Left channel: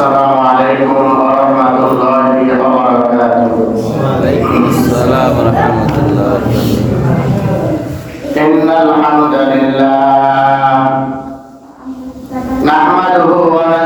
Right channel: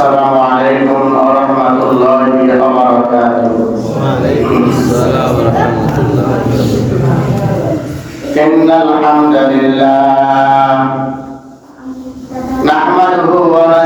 السلام عليكم ورحمة الله وبركاته وعليكم السلام ورحمة الله وبركاته إن الحمد لله نحمده ونستعينه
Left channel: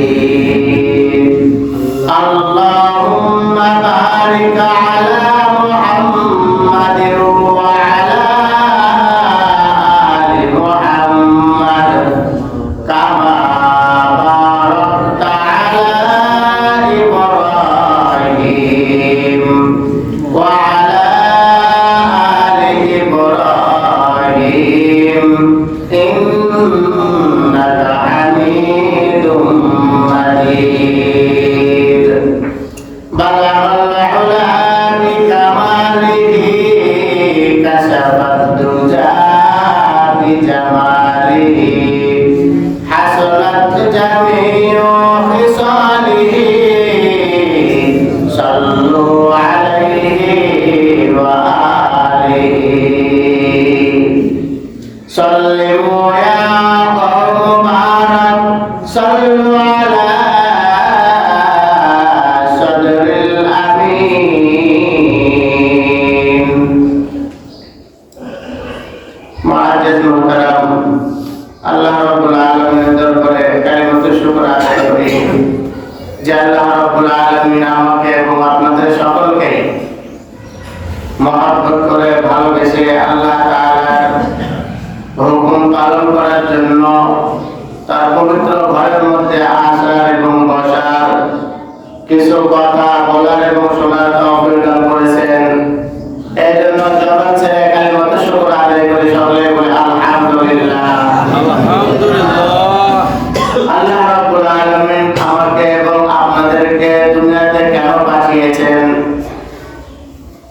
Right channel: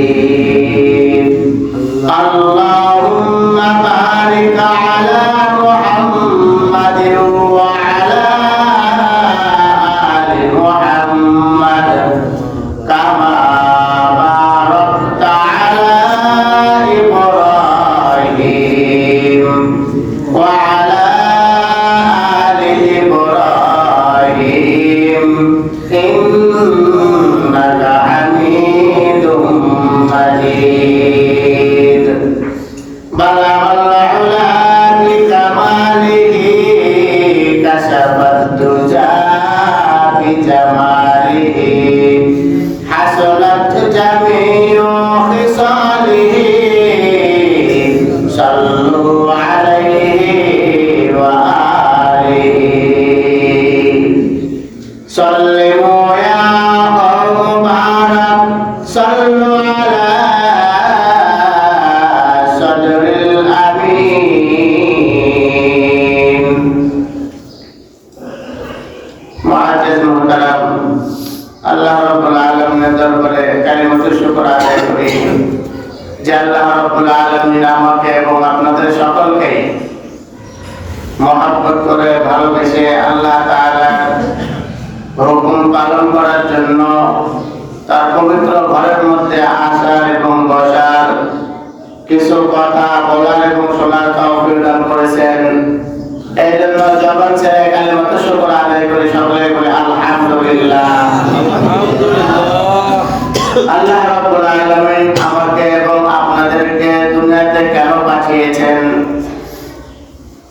Amém. Hallelujah.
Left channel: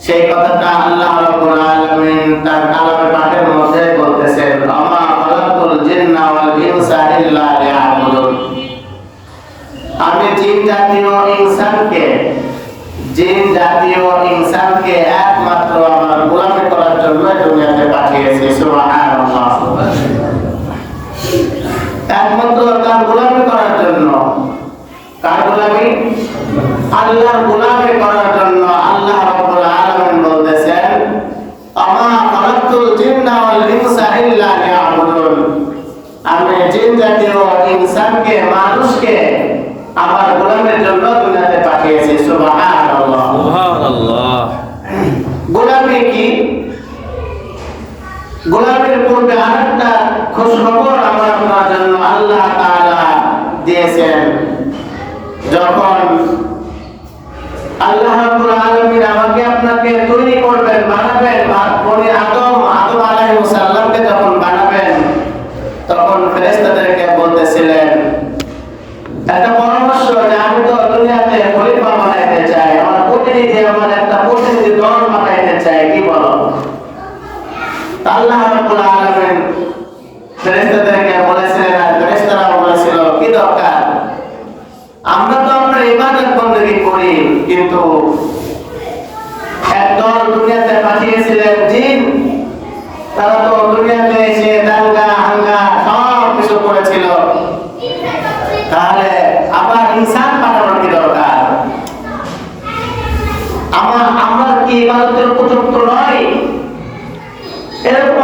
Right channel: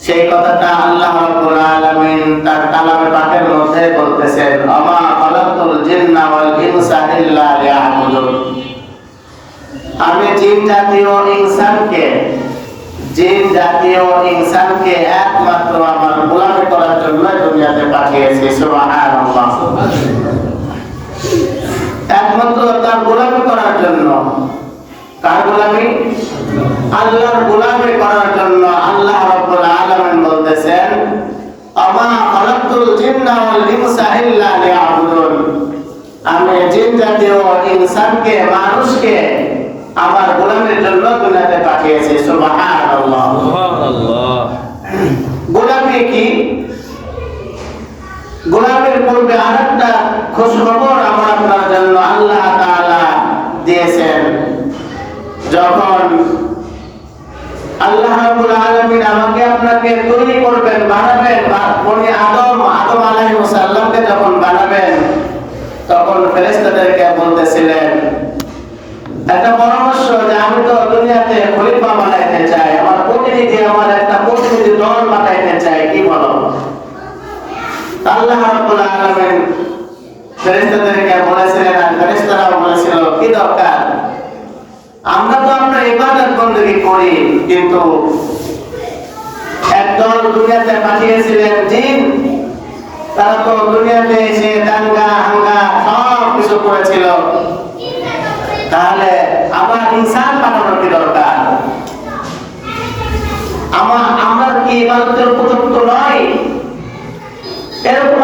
সেই কথাটা আল্লাহ রাব্বুল আলামিন তার কালামে পাঠের মধ্যে বলতেছেন আমা খালাকতুল জিন্না ওয়াল ইনসা ইল্লা লিয়াবুদুন। আমি জিন জাতীয় ইনসানকে, জিন জাতীয় ইনসানকে একমাত্র আমার গোলামি করার জন্য দুনিয়াতে পাঠিয়েছি, সুবহানাল্লাহ। একমাত্র তার গোলামি করার জন্য। কার গোলামি? আল্লাহর গোলামি করার জন্য ইনসানকে মানুষকে আমার গোলামের জন্য দুনিয়াতে পাঠিয়েছে সুবহানাল্লাহ। সুবহানাল্লাহ। গোলামে কি? গোলামের পূর্বে আরেকটা খোঁজ আমার আপনার জন্য আল্লাহ তাআলা দিয়েছেন। যখন আল্লাহ রাব্বুল আলামিন আমাকে আপনাকে বলছিলেন, একটা পরামর্শ যে আমি তো দুনিয়াতে খলিফা বানাইতে চাই, আমার প্রতিনিধি, আমার একটা প্রতিনিধি দল বানাইতে চাই, কি বলো? আল্লাহ রাব্বুল আলামিন ফেরেশতাদেরকে বলেছিলেন, আর ফেরেশতারাও বলেছিল, কি দরকার? আমরা তো আমরা ইবাদত বندگی করি, কিন্তু একদল দুনিয়াতে পাঠিয়েছিলেন জিন, তারা তো দুনিয়াতে এসে দাঙ্গা, হাঙ্গা সব কিছু করেছিল। ইনসান পাঠানোর কি দরকার। আমরা আমরা কি এবাদতের উপযুক্ত নয়? এরকম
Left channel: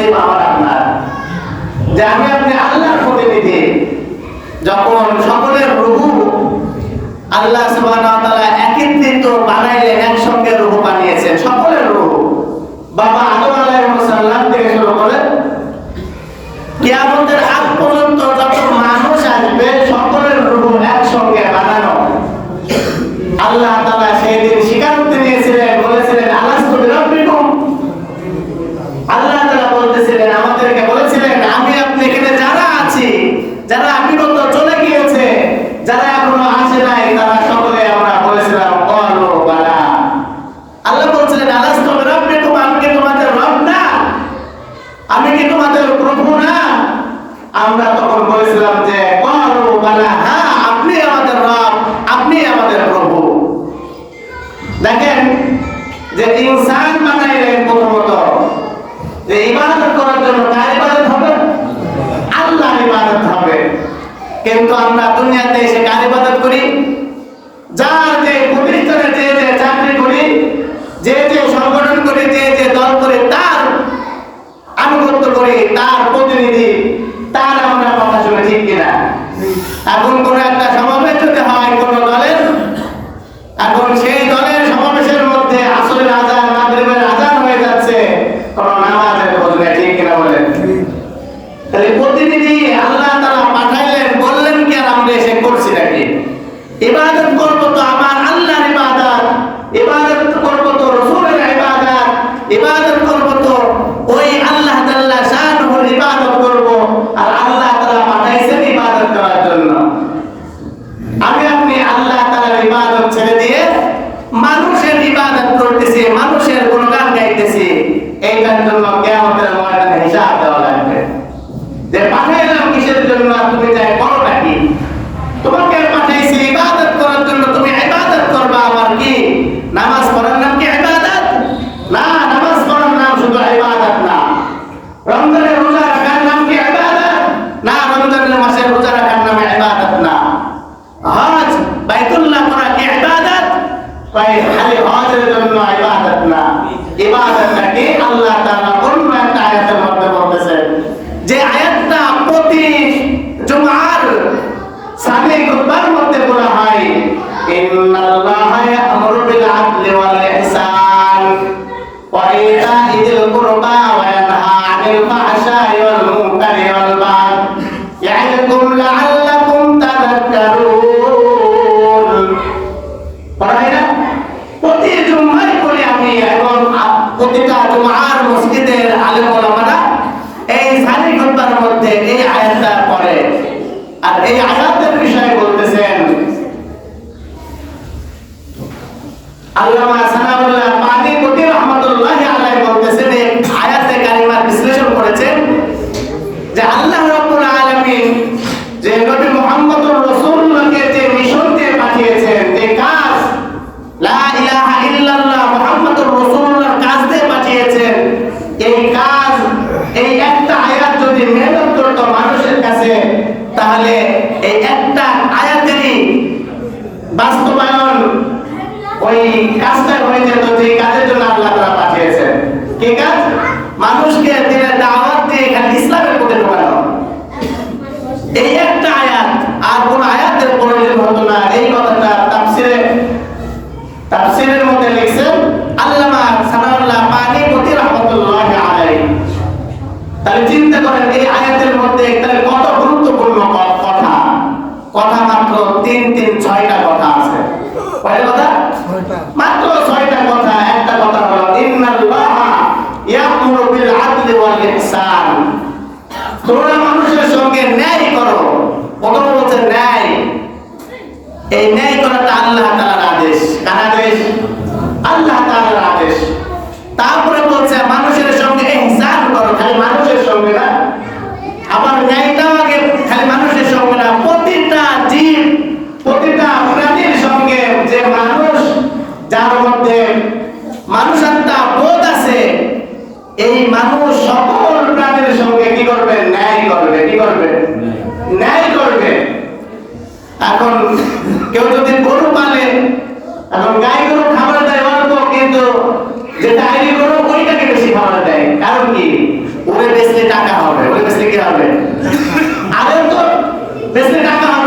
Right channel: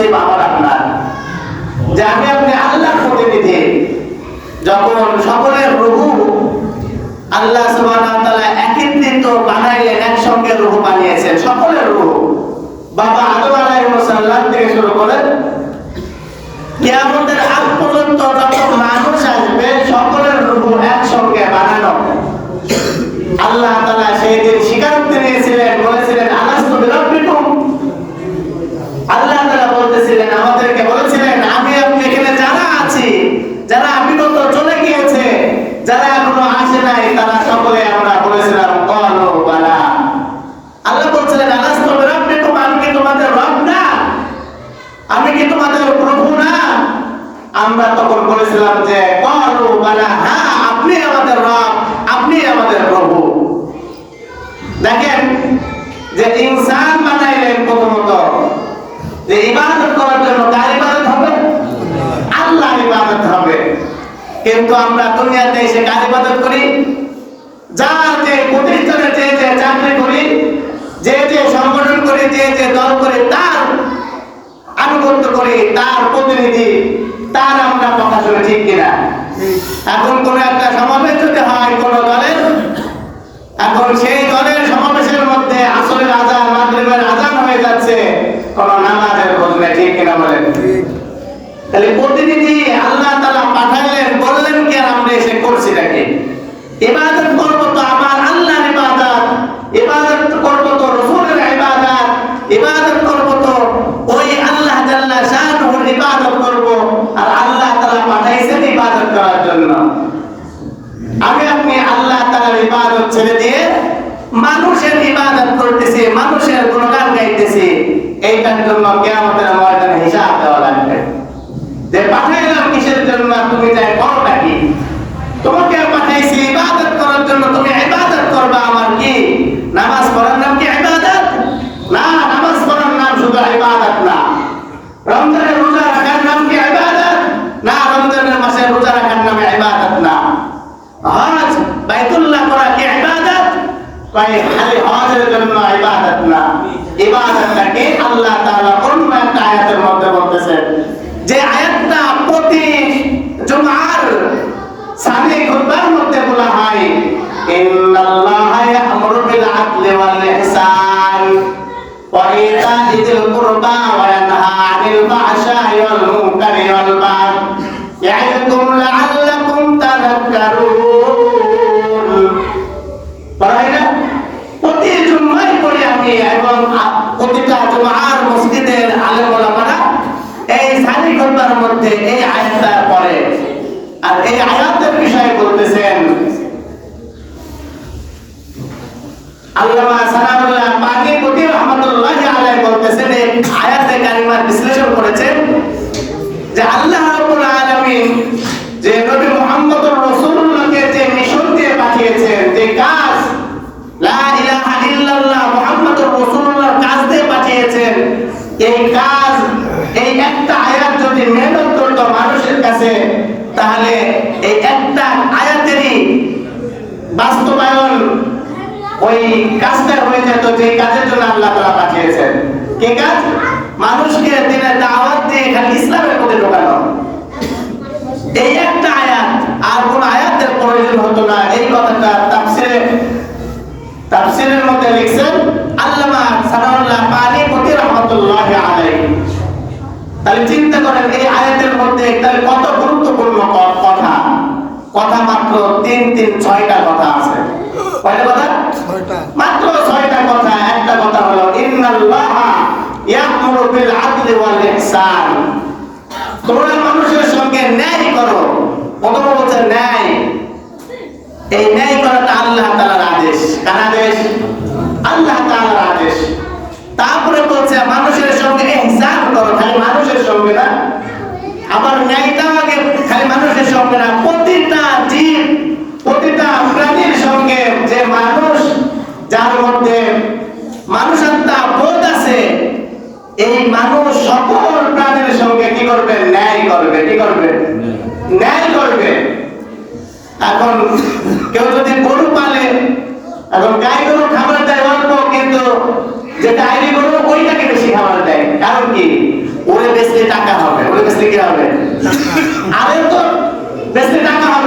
মুসলিম আমার আপনার। যে আমি আপনি que তিন তিন, ছয়টা কথা আছে। কয়টা কথা? মাত্র ছয়টা কথা, একটা কথা হলো ইন্নাল্লাহা ইয়া'মুরু বিল আদলি ওয়াল ইহসান তোমরা মানুষের সঙ্গে ন্যায় করো। প্রথম বলছে ন্যায়। এই ন্যায় করাটা আল্লাহ তাআলার আদেশ। কার আদেশ? আল্লাহ তাআলার আদেশ। তারপরে বলছে, মানুষের সঙ্গে ইহসান করো। খালি মানুষের সঙ্গে না যে ডায়েরি করব, ওইটাকে বেশি খাবার দেয়। কারণ কি? ওরে বেসলে টাকা হবে, ওরে বেসলে কি হবে? আরে তো বেসলে টাকা হবে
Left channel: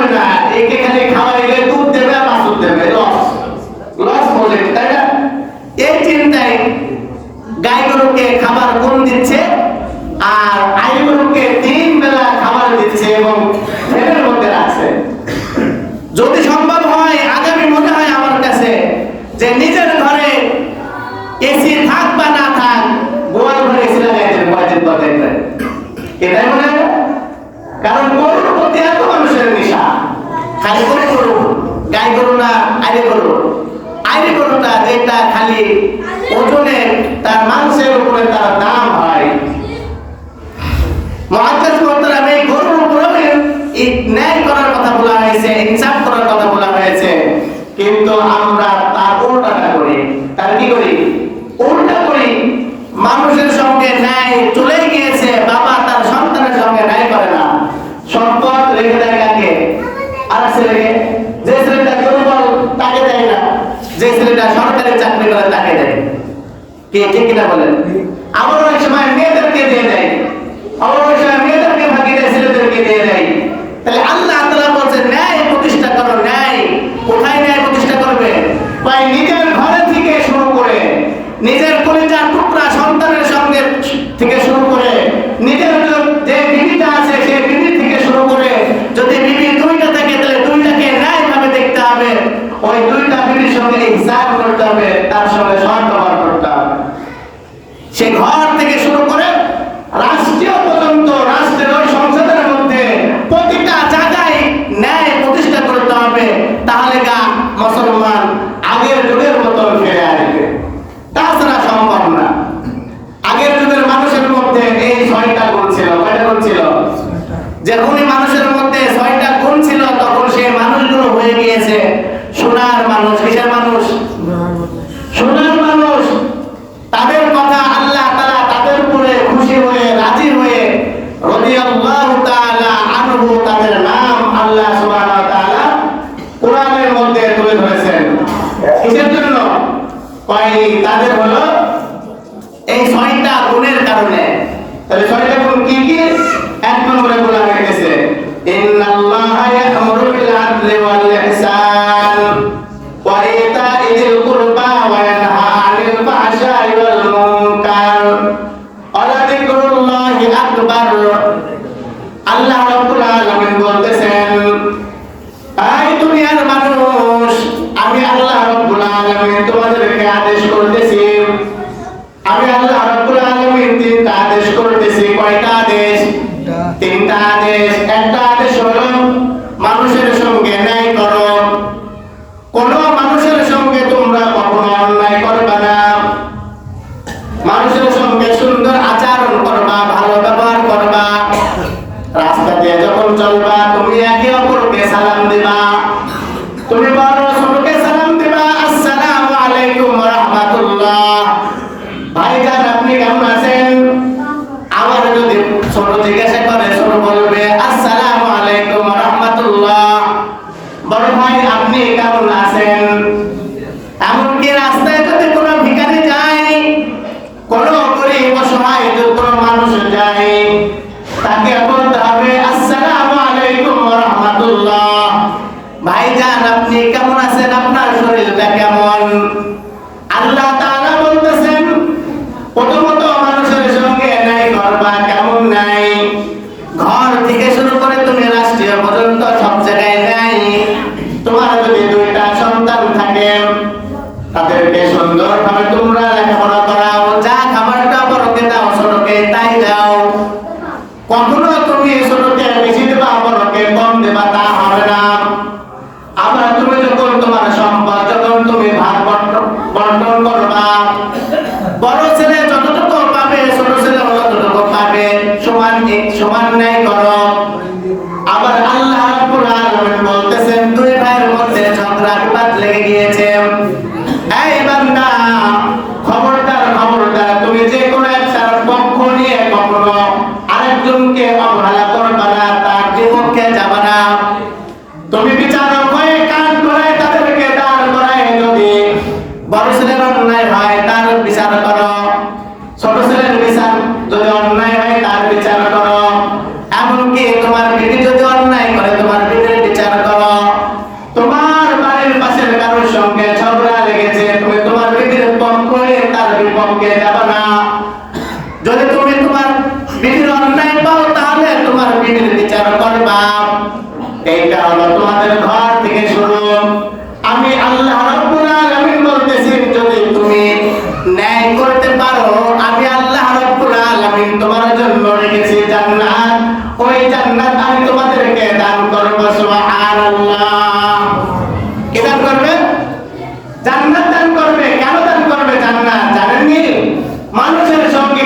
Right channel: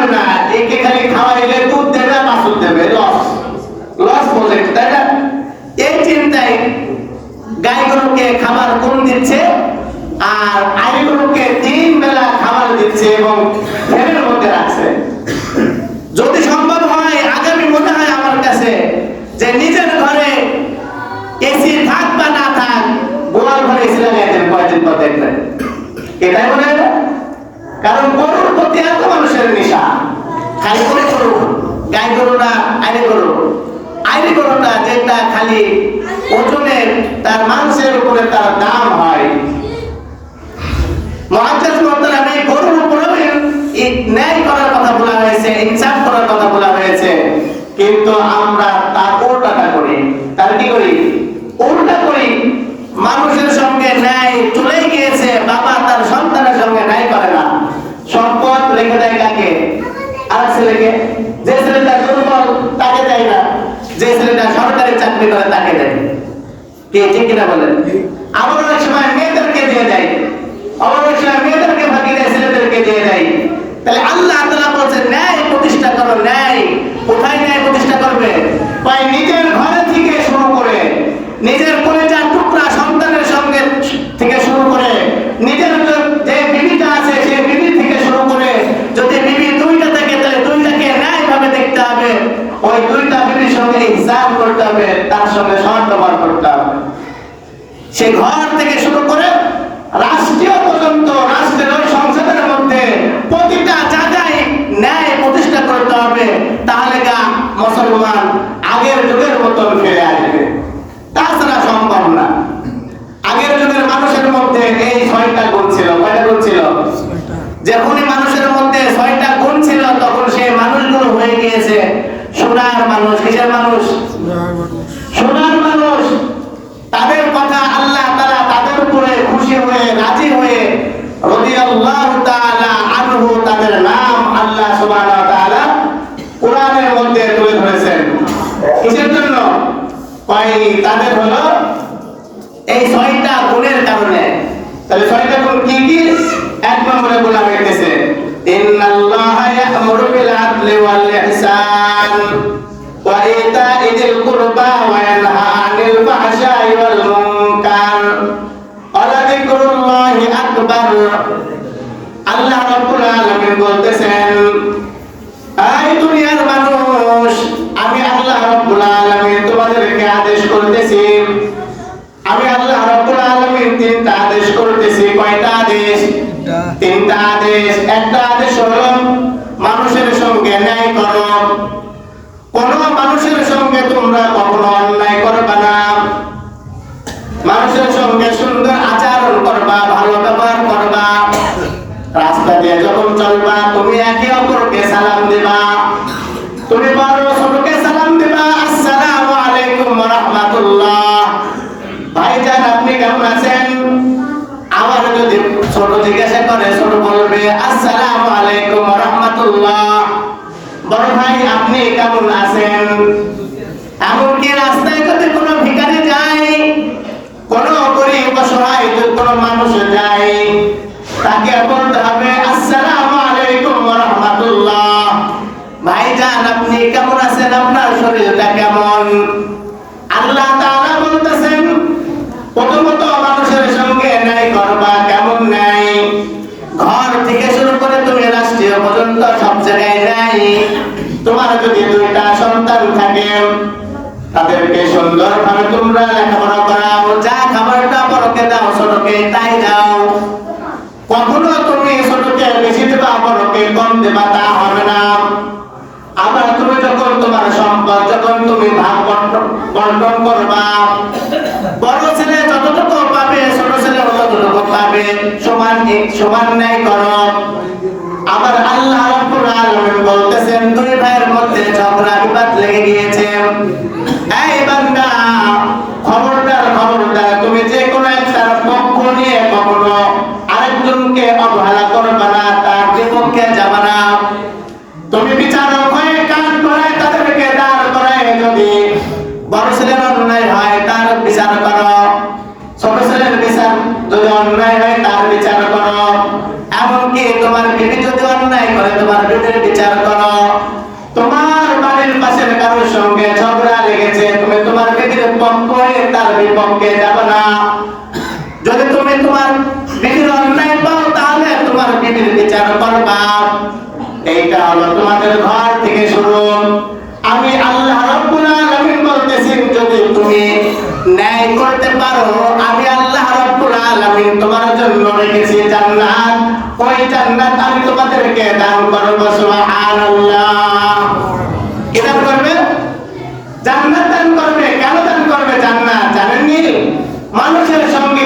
কিনা বলেন? পারবে, তাহলে গান মুসলমান আগের যুগের মতন ফিরে আসবে। তাছাড়া সম্ভব না। আগের যুগের মানুষের মধ্যে এই ছয়টা গুণ ছিল, কয়টা গুণ ছিল? যে মানুষের আকবার আল্লাহ রাব্বুল আলামিন বলতেছেন, এই দুনিয়ার মানুষ, আমি আল্লাহ রাব্বুল আলামিন তোমাদেরকে আদেশ করতেছি। আমি আল্লাহ রাব্বুল আলামিন তিনটা আদেশ করতেছি। কয়টা আদেশ? তিনটা আদেশ। একটা আদেশ হলো লেগে গিয়েছে। জন্য রেখেছি জান্নাত। ওই জান্নাত আমি তোমাদেরকে দান করব, সুবহানাল্লাহ। কি দান করবে? জান্নাত দান করবে। কেন দান করবে জান্নাত? জানেননি মানুষের সঙ্গে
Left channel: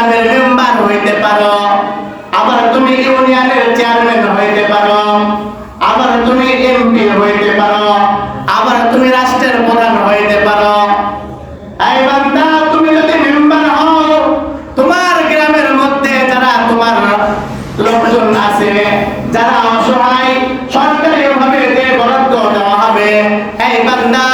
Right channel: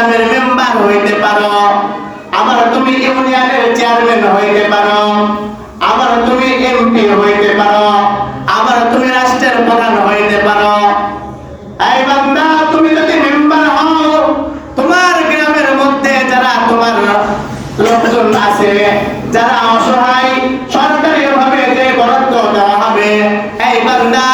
ইউনিয়নের মেম্বার হইতে পারো। আবার তুমি ইউনিয়নের চেয়ারম্যান হইতে পারো। আবার তুমি এমপি হইতে পারো। আবার তুমি রাষ্ট্রের প্রধান হইতে পারো। তুমি যদি মেম্বার হও, তোমার গ্রামের মধ্যে যারা তোমার লোকজন আছে, যারা অসহায় সরকারি ভাবে যে বরাদ্দ দেওয়া হবে, এই বান্দা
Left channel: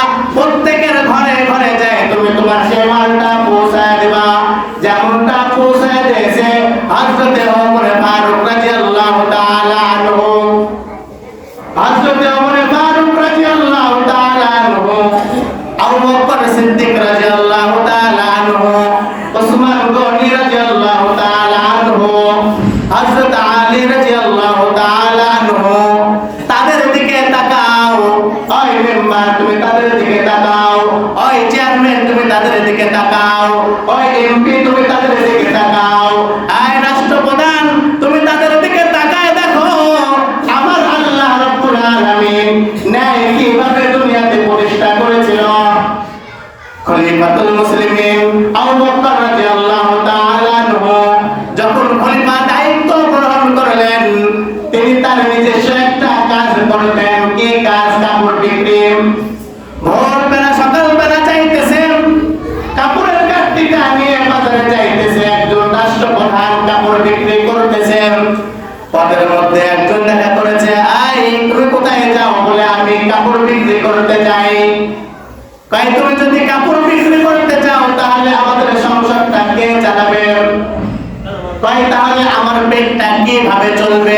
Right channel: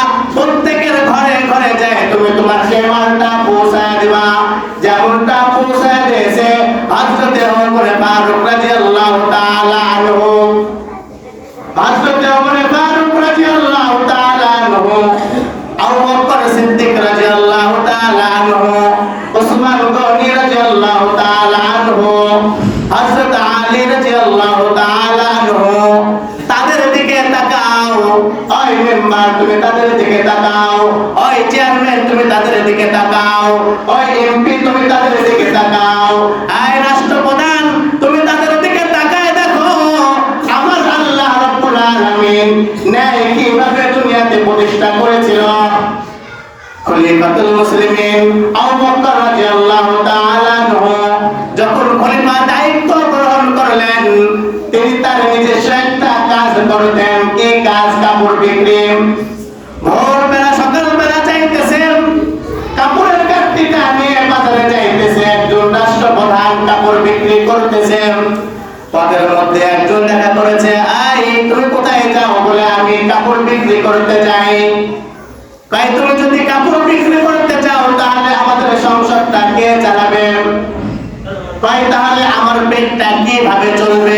তাকাও ওই এমপি, তুমি তাদের দিকে তাকাও। আয় রাষ্ট্রপ্রধান, তুমি তাদের দিকে তাকায় দেখো। আমার আল্লাহ রাব্বুল আলামিন ন্যায় কীভাবে দুনিয়াতে প্রতিষ্ঠা করেছিল? খলিফাতুল মুসলিমিন, আবু আমার পেটটা কীভাবে চলবে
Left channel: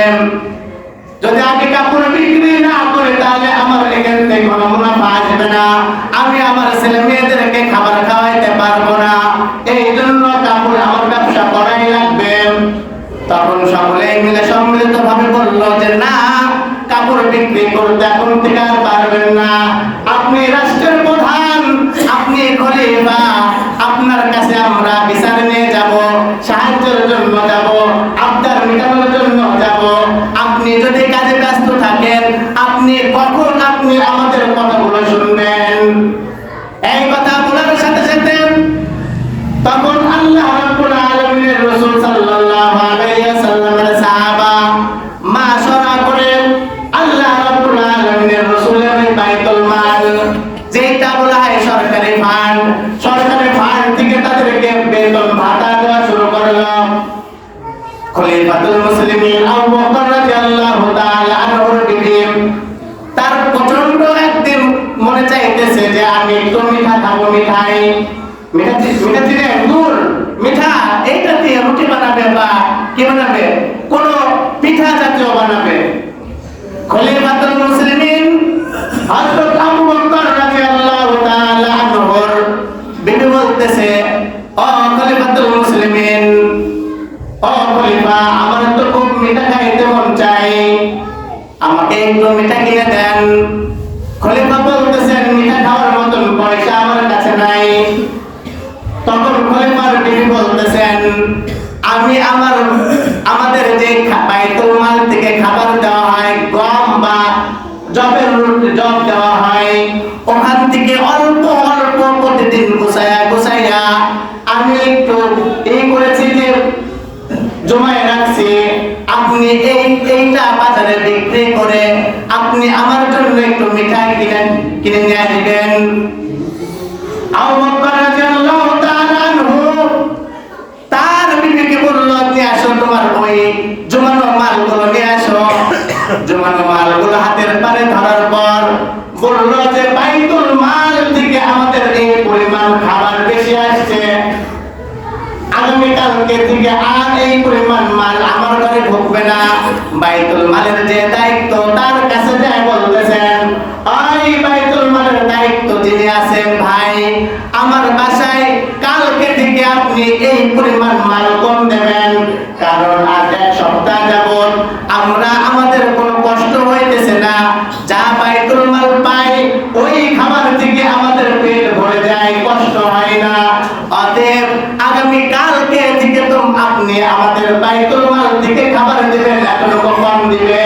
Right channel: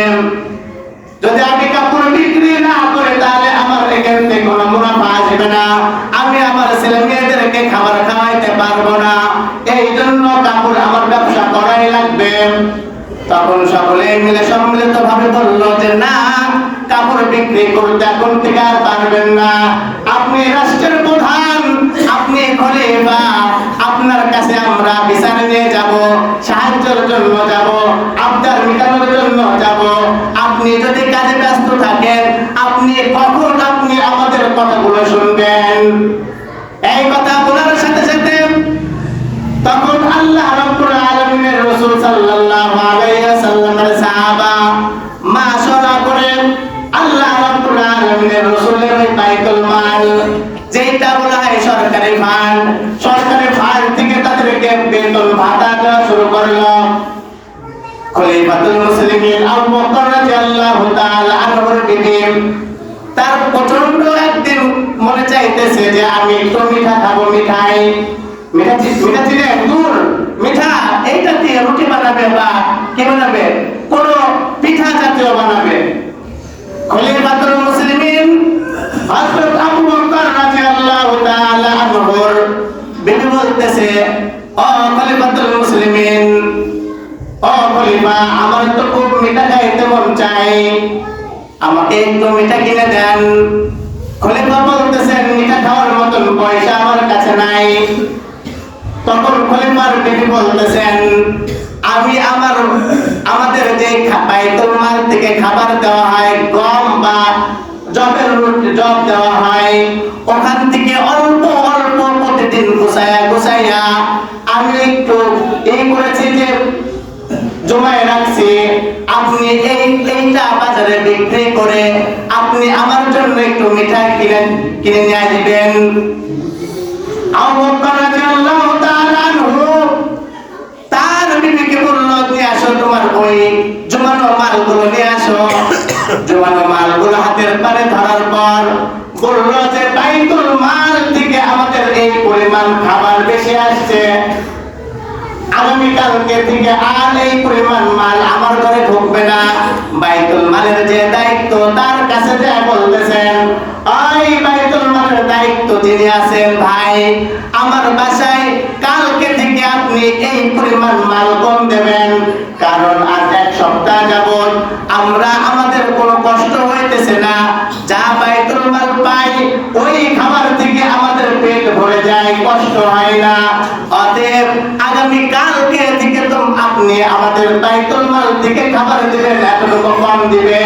যদি আমি কাপড় বিক্রি না করে, তাহলে আমার এখান কোনো মুনাফা আসবে না। আমি আমার ছেলে মেয়েদেরকে খাবার খাওয়াইতে পারব না। এই জন্য কাপড় আমার ব্যবসা করাই লাগবে। তখন সকলে মিলে সম্মিলিত ভাবে বলল যে, না, কাপড় বিক্রি করতে এখন থেকে আর পারবেন না। কোন পিঠা জাতীয় বানাবে। খলিফাতুল মুসলিমিন হযরত আবু বকর রাদিয়াল্লাহু তাআলা আনহুর বিবি বলতেছে, ও খলিফাতুল মুসলিমিন, ও খলিফা, আমার তো খুব মিঠা খাইতে মন চাই আমাকে একটু মিঠা কিনে দেন। খলিফা বলতেছেন, মিঠা খাওয়ার মতন পয়সা আমার কাছে নাই। তখন খলিফার বিবি বলতেছেন আমি আমার, আমাদের যে বাইতুল মাল থেকে খাবার দেওয়া হয়, গম বা জবের জব দেওয়া হয়, ওখান থেকে অল্প অল্প প্রতিদিন গুছাইয়া গুছাইয়া আমি একটু এই করেছি যে জমায় রাখছি, আপনি এই, এইটা বাজারে বিক্রি করে আপনি আমার জন্য একটু মিঠাই কিনে কিনে নিয়ে আসবেন। আবু বকর রাজা দিবে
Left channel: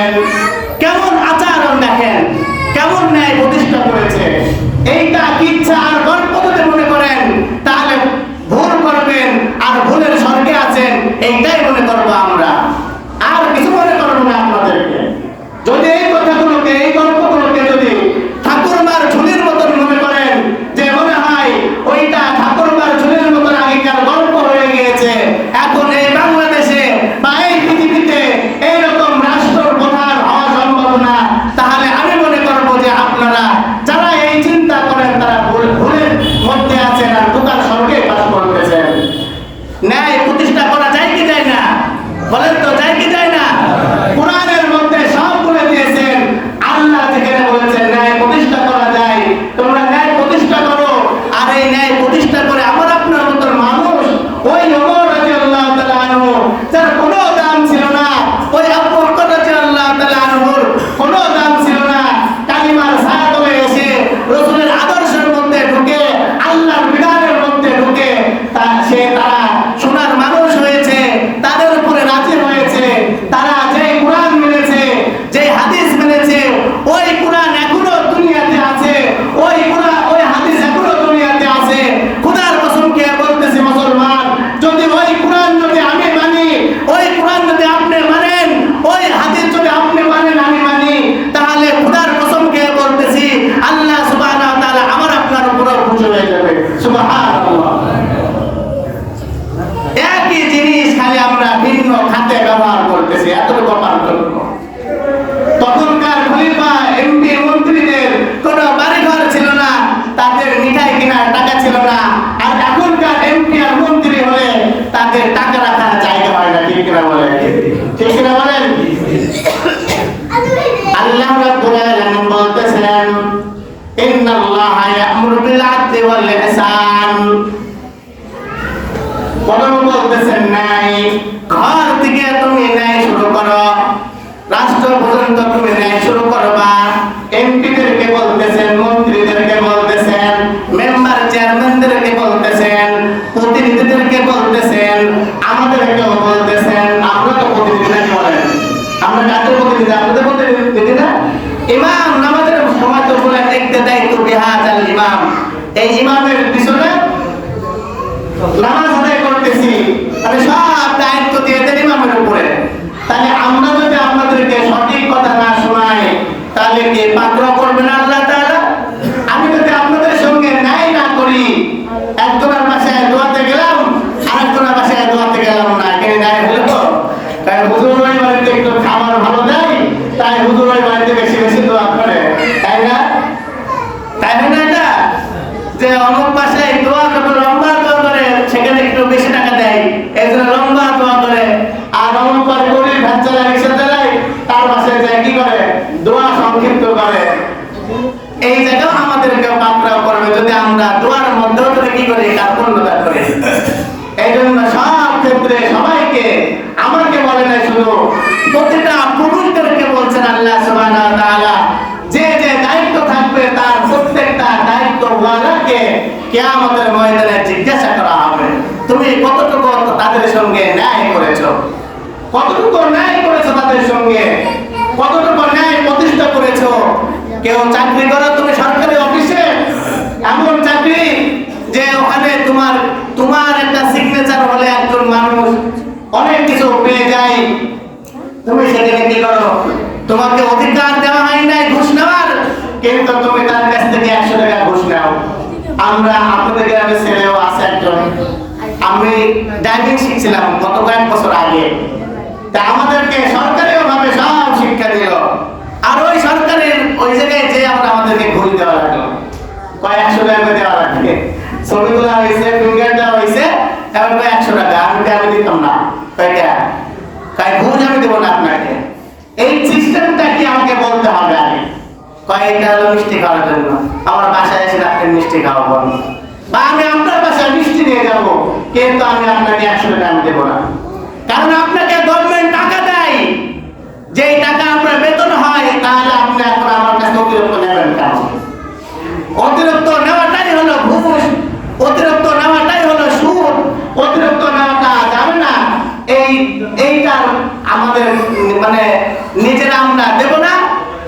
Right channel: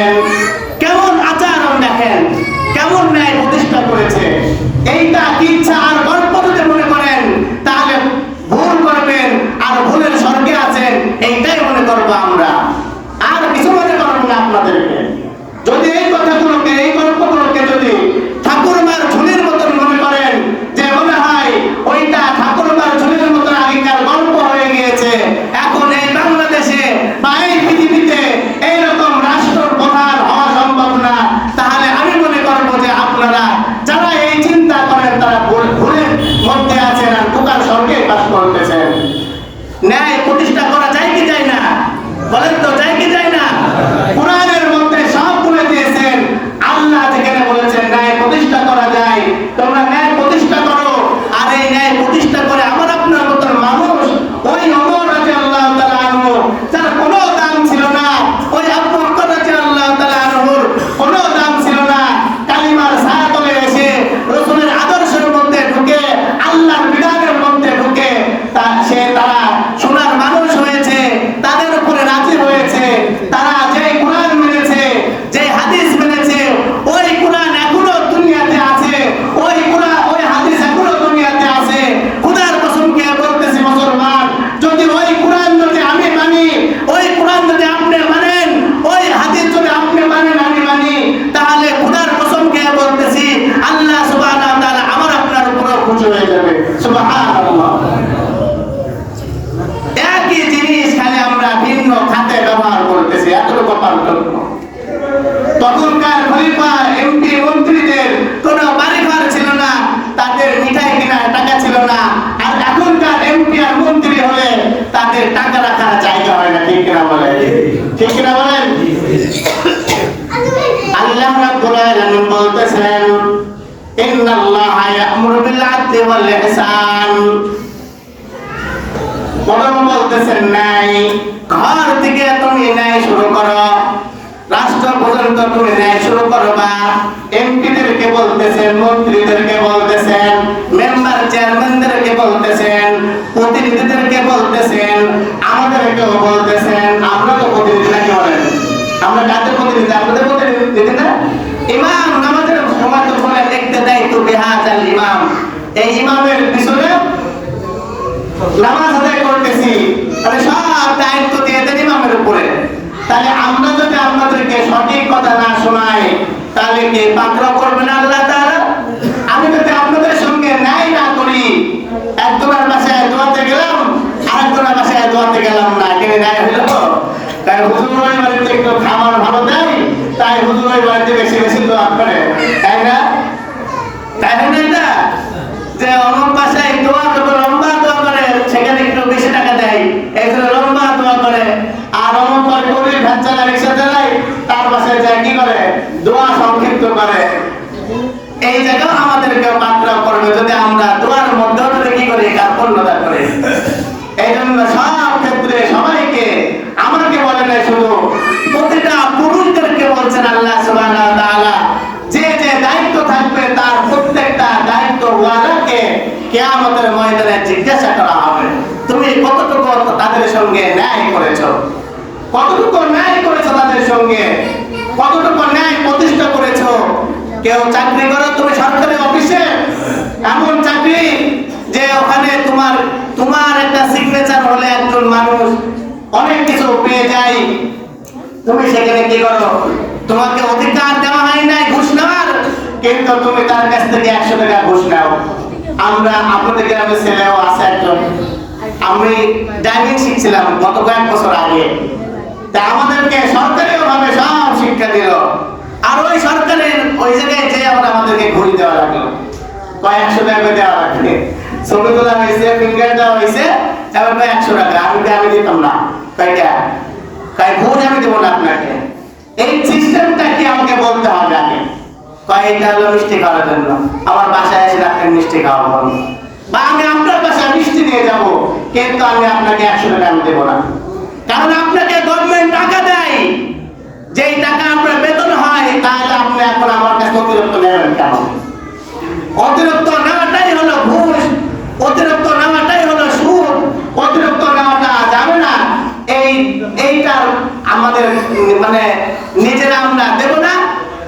করো। রাষ্ট্র পর্যন্ত তুমি ন্যায় শুরু করবা এমপিদেরকে বলতেছেন মন্ত্রীদেরকে বলতেছেন মেম্বার চেয়ারম্যানদেরকে বলতেছেন প্রতিনিধিদেরকে বলতেছেন আমাদেরকেও বলতেছেন আমরা তো প্রতিনিধি নাকি বলেন আমরা কাদের প্রতিনিধি আপনাদের প্রতিনিধি না ইমাম নামাজের সময় তো বলেন একটা দায়িত্ব বিহাজ আল ইমাম এই ইমামের পিছনে নামাজ আদায় করতেছি তাহলে সব দায়িত্ব দিয়ে দেন ইমামের উপরে তাহলে আমরা যদি আপনাদেরকে সঠিক কথা না শোনাই তাহলে কি পাকড়াও করবেন আল্লাহ তাআলা আমি যদি আপনাদের সঙ্গে ন্যায় না করি একজনের বাসায় দোয়াতে গেলাম আরেকজনের বাসায় দোয়াতে গেলাম না কে ন্যায় হলো তাই হুজুর ওই বাড়িতে একটু খাবার ভালো দেয় তাই হুজুর ওই বাড়িতে বেশি বেশি দোয়া করে তাই না তাই হয় না এটা যে অমুক বাসায় দোয়া করবে লম্বা দোয়া করে সেখানে একটু বেশি টাকা দেয় এই জন্য লম্বা দোয়া করে আর অমুক পরে গরিব ভ্যান চালায় রিক্সা চালায় তার বাসায় যায় কি করে দোয়া সংক্ষিপ্ত করে এই জায়গাও আমাদেরকে পাকড়াও করবে যদি আমরা দোয়ার মধ্যেও যদি কি করি কার্পণ্যতা করি এই জন্য সব ক্ষেত্রে সবাইকে আমাকে বলে না শুধু প্রতিটা পুরুষদেরকে বলছেন আল্লাহ সুবহানাহু ওয়া তাআলা যে যে দায়িত্ব থাকবে তার প্রত্যেকটা দায়িত্ব ওয়ালাকে কিয়ামতের ময়দানে জিজ্ঞাসা করা হবে তুমি কতটুকু তাদের সঙ্গে ন্যায় করেছ কতটুকু ন্যায় করেছ তাদের সঙ্গে? কতটুকু ন্যায় প্রতিষ্ঠা করেছ? কেউ চাকরি করো, তুমি সরকারি অফিসে? এমন চাকরি যে ওখানে তোমার তোমার একটা সিগনেচার হলে একজন মানুষ অনেক কিছু পেয়ে যায়। তুমি সেখানে কি করো? তোমাকে অধিকার দেওয়া হয় নাই ঘুষ নেওয়ার, কিন্তু তুমি তার কাছ থেকে একশো টাকা ঘুষ নাও। আমরা আপনাদের গ্রামের ছেলেও আছে একজন। আমি ড্রাইভিং শিখছিলাম গত কয়েক বছর আগে। তা আমাদেরকে সরকারিও ভাবে সব শিক্ষা দিল। আর ওই সরকারের ওই জায়গায় যে আমরা আমাদেরকে ঘুষ দেওয়া লাগল। কয়েকশো টাকা দেওয়া লাগবে। ছবি তোলা হয়েছে, ফিঙ্গার দেওয়া হয়েছে, এবার কয় একশো টাকা, আমি আমি দিতাম না। কয়টা? কয় ঘুষ আমি দেবো না আপনাকে। এই সিস্টেমটা কি আমাকে বলতে হবে আগে? কয় এটা হলো মিষ্টি খাওয়ার জন্য। আমার বাসায় এসে আপনি মিষ্টি খাওয়াবো বা আমি আপনার বাসায় মিষ্টি নিয়ে যাব, কিন্তু আমি আপনাকে একশো টাকা আমি দেবো না। কারণ আপনাকে গভর্নমেন্ট টাকা দেয়। যেই টাকা আপনার বেতন হয়, তাহলে আপনি এখন আমার কাছে অতিরিক্ত নেবেন কেন? অতিরিক্ত নেওয়াটাই হলো ঘুষ, অতিরিক্ত নেওয়াটাই হলো সুদ, অতিরিক্ত নেওয়াটা যাবে না। এই, এইটার আমাদের মানে নিজেরা আমরা দেব না,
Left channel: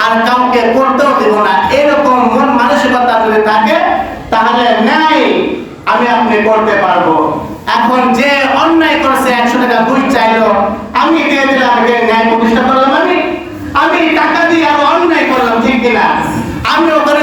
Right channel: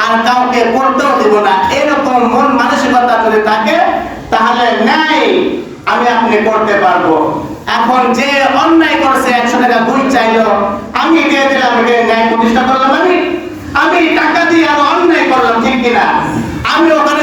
আর কাউকে করতেও দেব না। এরকম মন মানসিকতা যদি থাকে, তাহলে ন্যায় আমি আপনি করতে পারব। এখন যে অন্যায় করছে একশো টাকা দুই চাইলো, আমি দিয়ে দিলাম ন্যায় প্রতিষ্ঠা করলাম আমি। আমি টাকা দিয়ে আরও অন্যায় করলাম, ঠিক কিনা? আমি ওখানে